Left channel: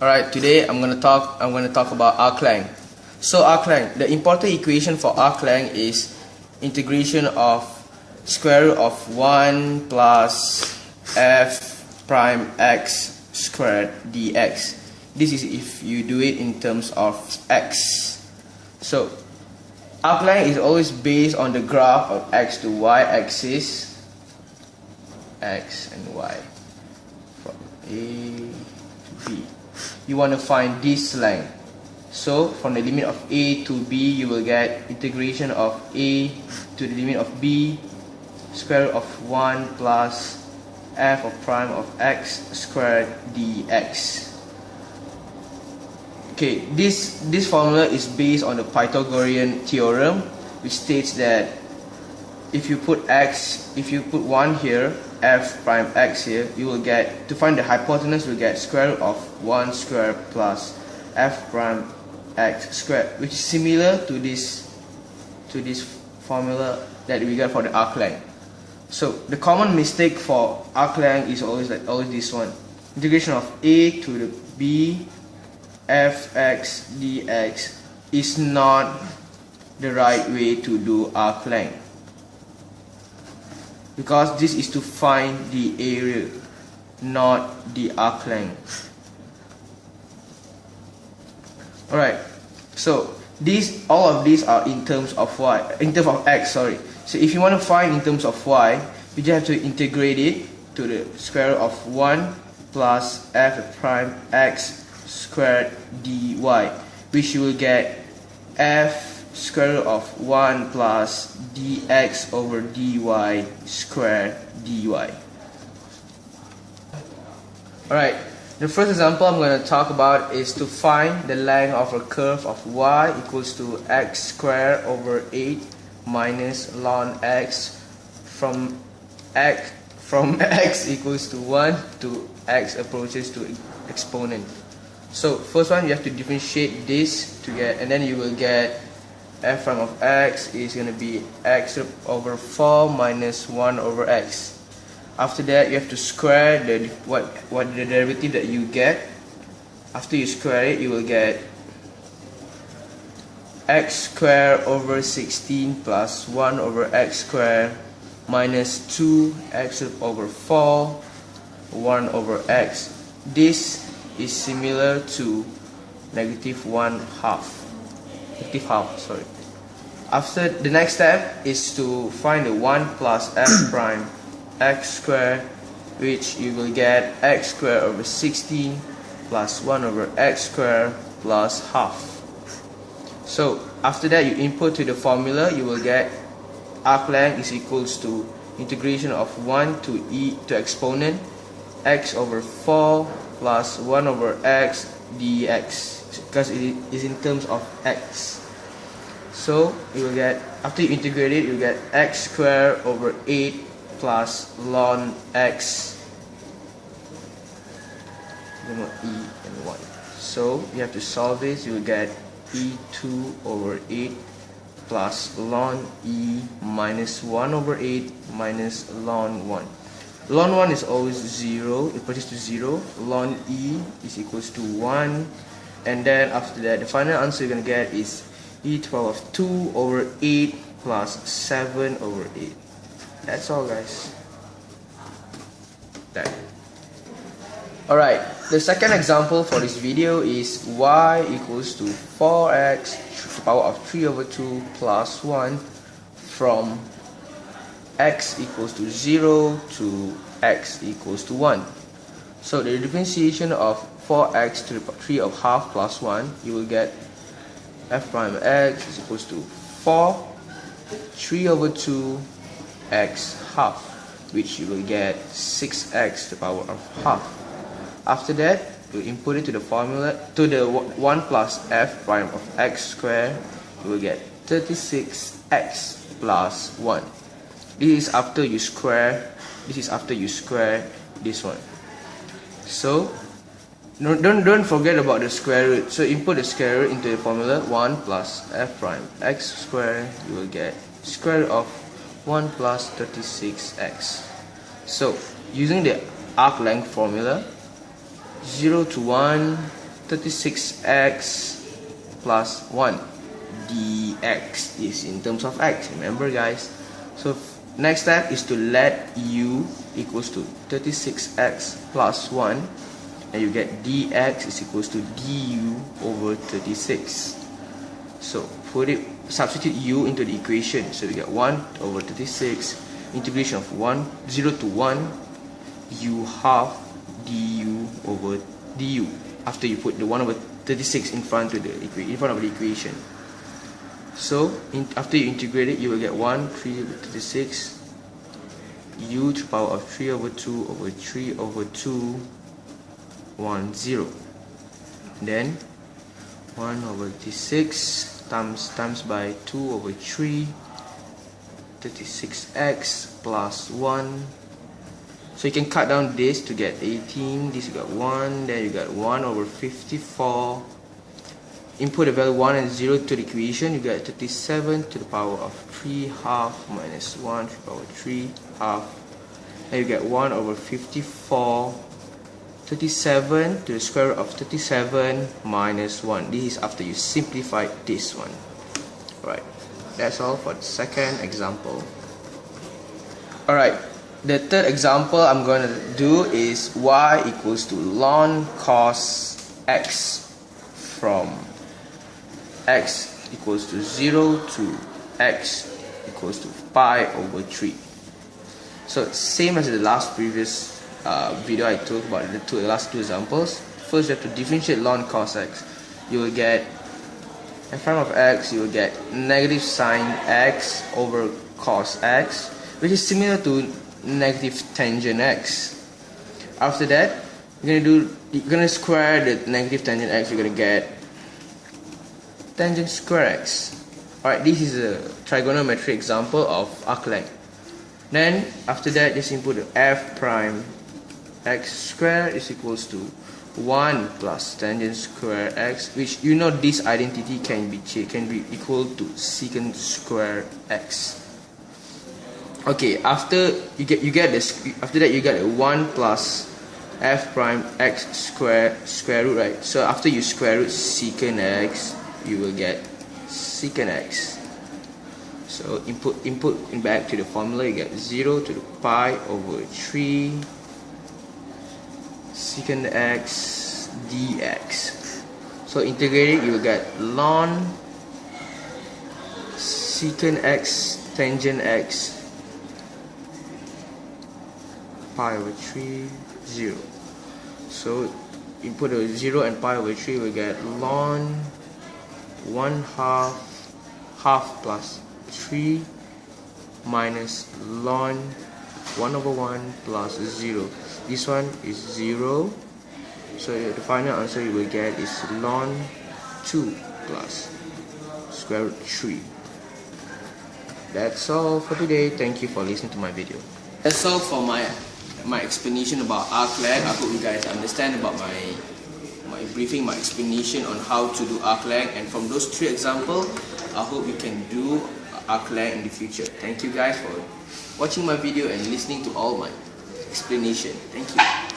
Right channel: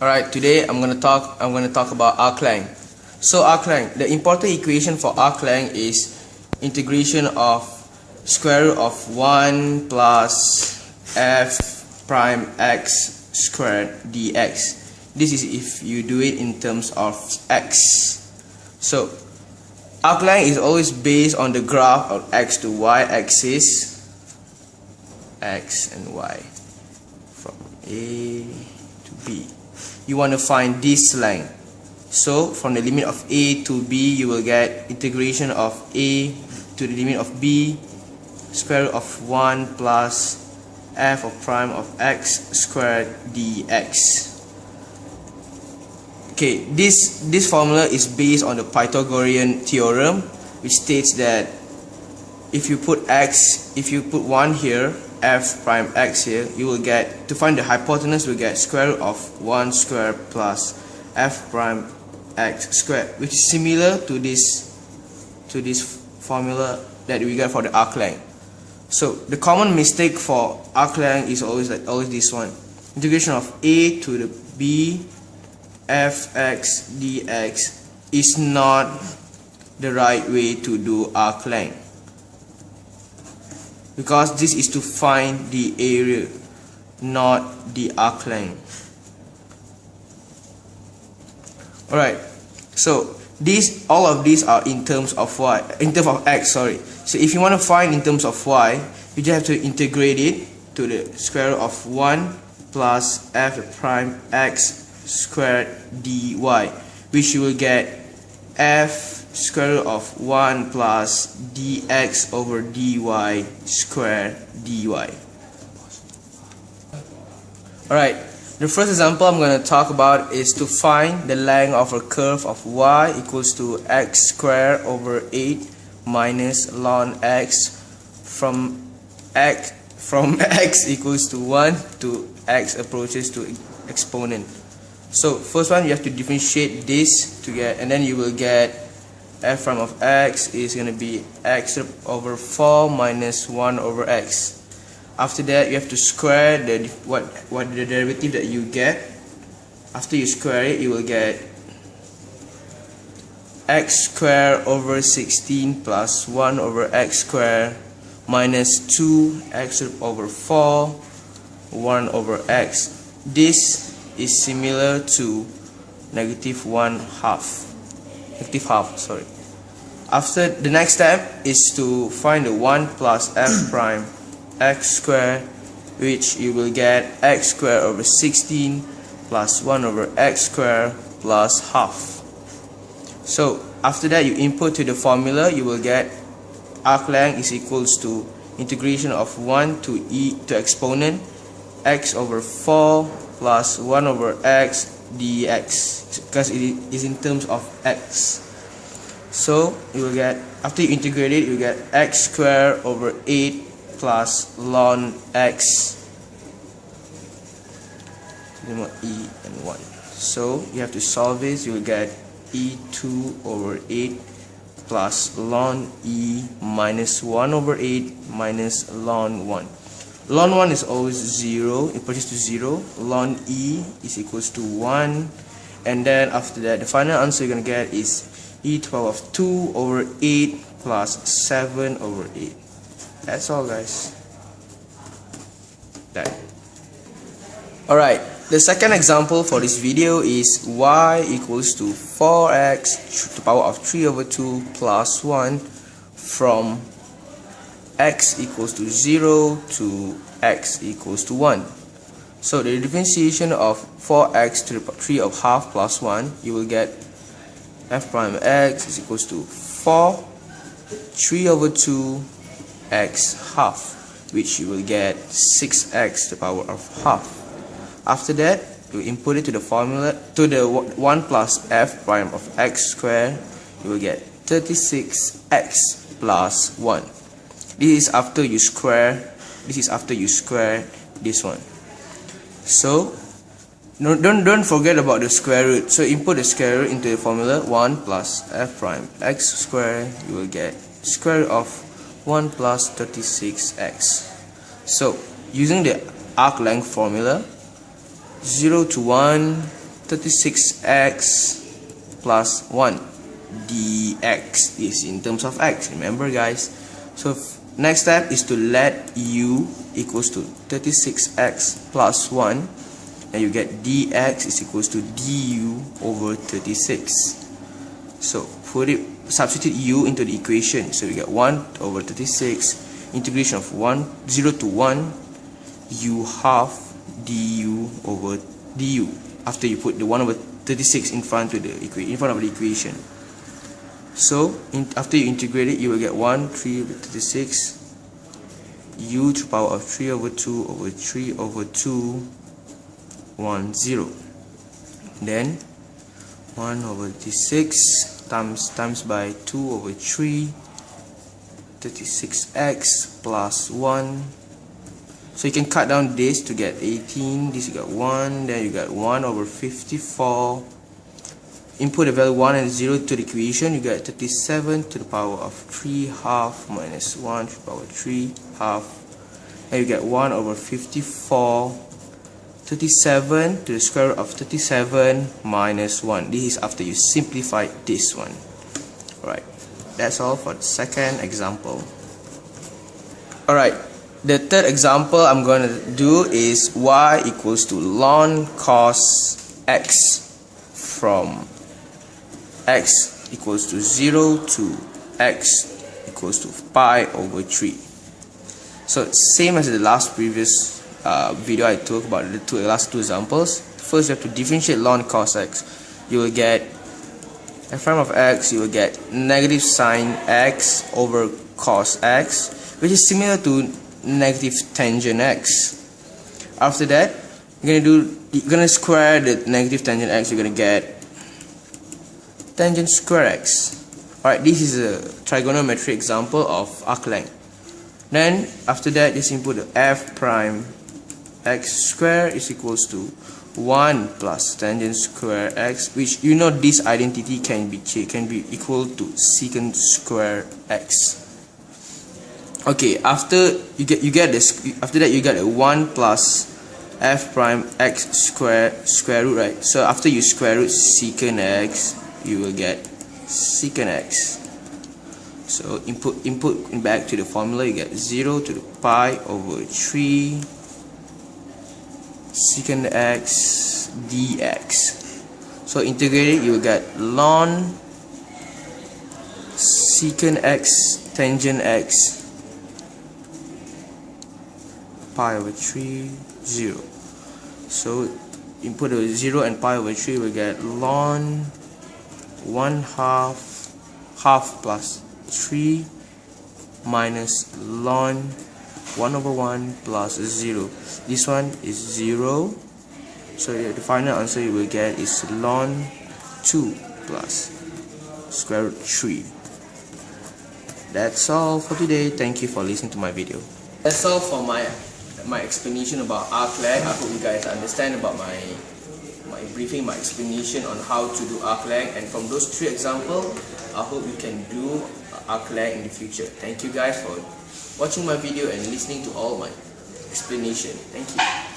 Alright, today I'm gonna talk about arc length. So arc length, the important equation for arc length is integration of square root of 1 plus f prime x squared dx. This is if you do it in terms of x. So arc length is always based on the graph of x to y axis, x and y, from A to B. You want to find this length. So from the limit of A to B, you will get integration of A to the limit of B, square root of 1 plus f of prime of x squared dx. Okay, this formula is based on the Pythagorean theorem, which states that if you put 1 here, f prime x here, you will get, to find the hypotenuse, you will get square root of 1 squared plus f prime x squared, which is similar to this formula that we get for the arc length. So the common mistake for arc length is always this one: integration of a to the b fx dx is not the right way to do arc length, because this is to find the area, not the arc length. Alright, so all of these are in terms of x. So if you want to find in terms of y, you just have to integrate it to the square root of 1 plus f prime x squared dy, which you will get f square root of 1 plus dx over dy squared dy. Alright, the first example I'm going to talk about is to find the length of a curve of y equals to x squared over 8 minus ln x from x equals to 1 to x approaches to exponent. So first one, you have to differentiate this to get, and then you will get f prime of x is going to be x over 4 minus 1 over x. After that, you have to square the derivative that you get. After you square it, you will get x squared over 16 plus 1 over x squared minus 2x over 4 1 over x. This is similar to negative half. After, the next step is to find the 1 plus f prime x squared, which you will get x squared over 16 plus 1 over x squared plus half. So after that, you input to the formula, you will get arc length is equals to integration of 1 to e to exponent x over 4 plus 1 over x dx, because it is in terms of x. So you will get, after you integrate it, you get x squared over 8 plus ln x, e and 1. So you have to solve this. You will get e2 over 8 plus ln e minus 1 over 8 minus ln 1. Ln 1 is always 0, it approaches to 0. Ln e is equals to 1, and then after that, the final answer you're going to get is e to the power of 2 over 8 plus 7 over 8. That's all, guys. Okay. Alright, the second example for this video is y equals to 4x to the power of 3 over 2 plus 1 from x equals to 0 to x equals to 1. So the differentiation of 4x to the 3 of half plus 1, you will get f prime x is equals to 4 3 over 2 x half, which you will get 6x to the power of half. After that, you input it to the formula, to the 1 plus f prime of x squared, you will get 36x plus 1. This is after you square this one. So don't forget about the square root. So input the square root into the formula, 1 plus f prime x squared, you will get square root of 1 plus 36x. So using the arc length formula, 0 to 1 36x plus 1. Dx is in terms of x, remember guys. So next step is to let u equals to 36x plus 1, and you get dx is equals to du over 36. So substitute u into the equation, so we get 1 over 36 integration of 0 to 1 u half du over du, after you put the 1 over 36 in front of the equation. So after you integrate it, you will get 3 over 36 u to the power of 3 over 2 over 3 over 2 1 0. Then 1 over 36 times by 2 over 3 36x plus 1. So you can cut down this to get 18, this you got 1, then you got 1 over 54. Input the value 1 and 0 to the equation, you get 37 to the power of 3 half minus 1 to the power of 3 half, and you get 1 over 54. 37 to the square root of 37 minus 1. This is after you simplify this one. Alright, that's all for the second example. Alright, the third example I'm going to do is y equals to ln cos x from x equals to 0 to x equals to pi over 3. So same as the previous video I talked about the last two examples. First you have to differentiate ln cos x. You will get in front of x, you will get negative sine x over cos x, which is similar to negative tangent x. After that, you're gonna square the negative tangent x. You're gonna get tangent square x. Alright, this is a trigonometry example of arc length. Then after that, just input the f prime x square is equals to 1 plus tangent square x, which you know this identity can be equal to secant square x. Okay, after that you get a 1 plus f prime x square root, right? So after you square root secant x, you will get secant x. So input back to the formula, you get 0 to the pi over 3 secant x dx. So integrate it, you will get ln secant x tangent x pi over 3 0. So input a 0 and pi over 3, we get ln 1 half plus 3 minus ln 1 over 1 plus 0. This one is 0. So the final answer you will get is ln 2 plus square root 3. That's all for today. Thank you for listening to my video. That's all for my explanation about arc length. I hope you guys understand about my briefing, my explanation on how to do arc length, and from those 3 examples, I hope you can do arc length in the future. Thank you guys for watching my video and listening to all my explanation. Thank you.